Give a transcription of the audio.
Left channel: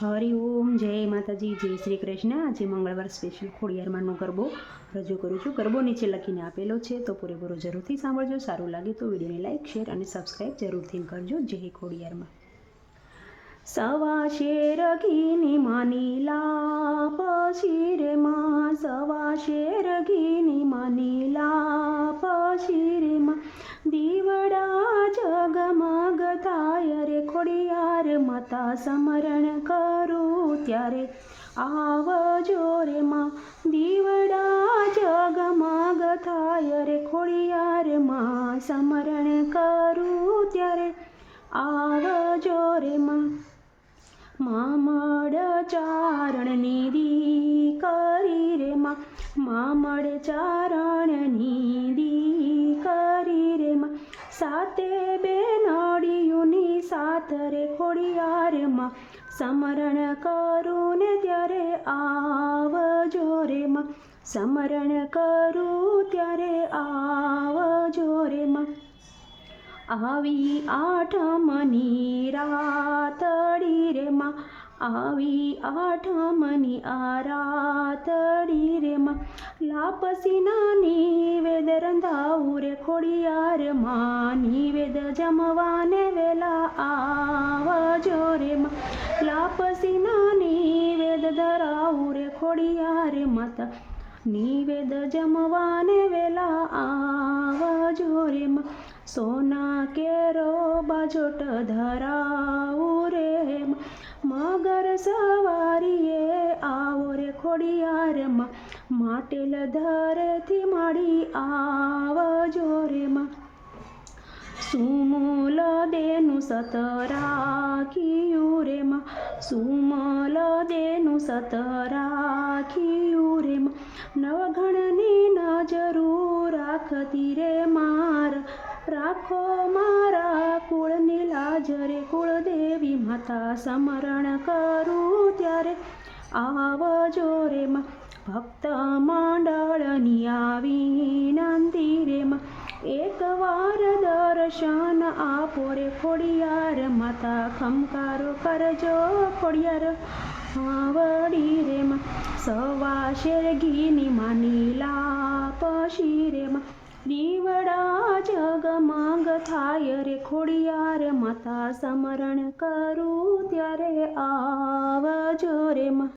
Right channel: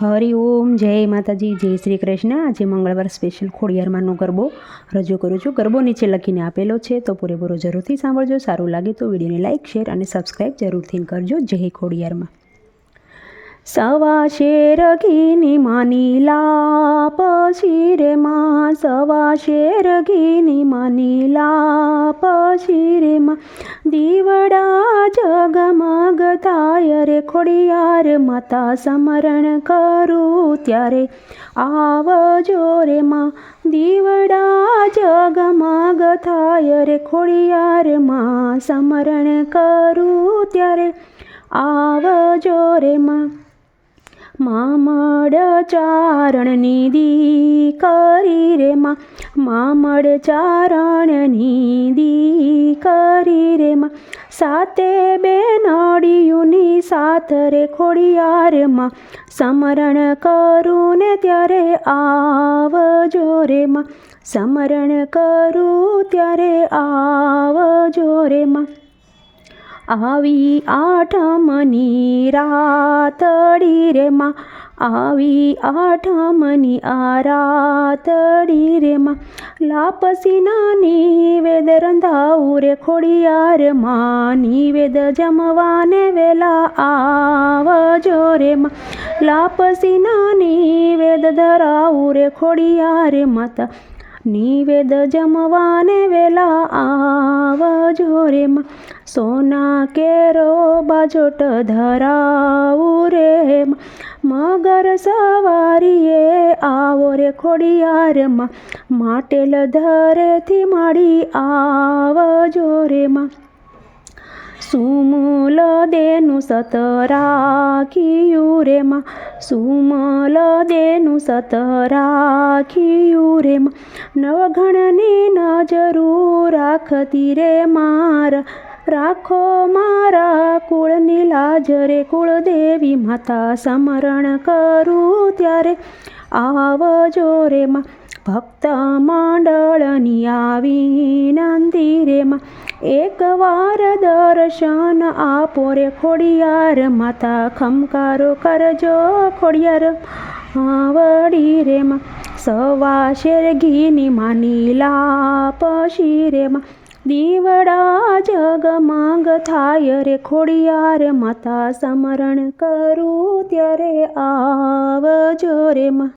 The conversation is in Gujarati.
હરિ ઓમ જય માતાજી, જય શ્રી કૃષ્ણ. આજે મંગળવાર સ્પેશિયલ ખોડિયારમાંનો ગરબો રજૂ કરું છું. ગરબો નીચે લખીને આપેલો છે, તો પૂરેપૂરો જરૂરથી સાંભળજો. સારું લાગે તો વિડીયોને લાઇક શેર અને સબસ્ક્રાઈબ જરૂરથી કરજો. જય ખોડિયારમાં. સવા શેર ઘીની માની પછી શિરે માં. સવા શેર ઘીની માની પછી શિરે માં. દીવડા રે ખોડિયાર માતા સમરણ કરું ત્યારે આવજો રે માં. દીવડા જગમગ થાય રે ખોડિયાર માં. સમરણ કરું ત્યારે આવજો રે માં. મામડ ચારણની દી કરી રે માં. મામડ ચારણની સાતે બેનડીયુની સાથ રે ખોડિયારમાં સમરણ કરું ને ત્યારે આવજો રે સમરણ કરું ત્યારે આવજો રે આવી આઠમની રાતડી રે માં આવી આઠમની આરાતડી રાતડી રે માં. લાપસીના નિવેદ રંધાવું રે, ખોડિયાર માં નિવેદ જમવાને વેલા આવજો રે માં. નાની વેદ ધરાવું રે, ખોડિયાર માતા. નિવેદ જમવાને વેલા આવજો રે સોના કેરો બાજોટ ધરાવું રે મગર સવારીએ આવો રે ખોડિયારમાં. માટેલ ધરેથી માડી આવજો રે માં. સુમૂલ દેનું સત રાખ્યું રે માં. સુમલ દેનું સત રાખ્યું રે માં. નવઘણની નજરું રાખતી રે માર. રાખો મારા કુળની લાજ રે કુળદેવી માતા સ્મરણ કરું ત્યારે આવજો રે માં. ભક્ત મંડળની આવી નંદીરેમાં એકવાર દર્શન આપો રે ખોડિયાર માતા, ખમકારો કરજો ખોડિયાર. વડી રેમાં સવા શેર ઘીની માની લાપ શિરેમાં દીવડા જગમાંગ થાય રે ખોડિયાર માતા સમરણ કરું ત્યારે આવજો રે માં.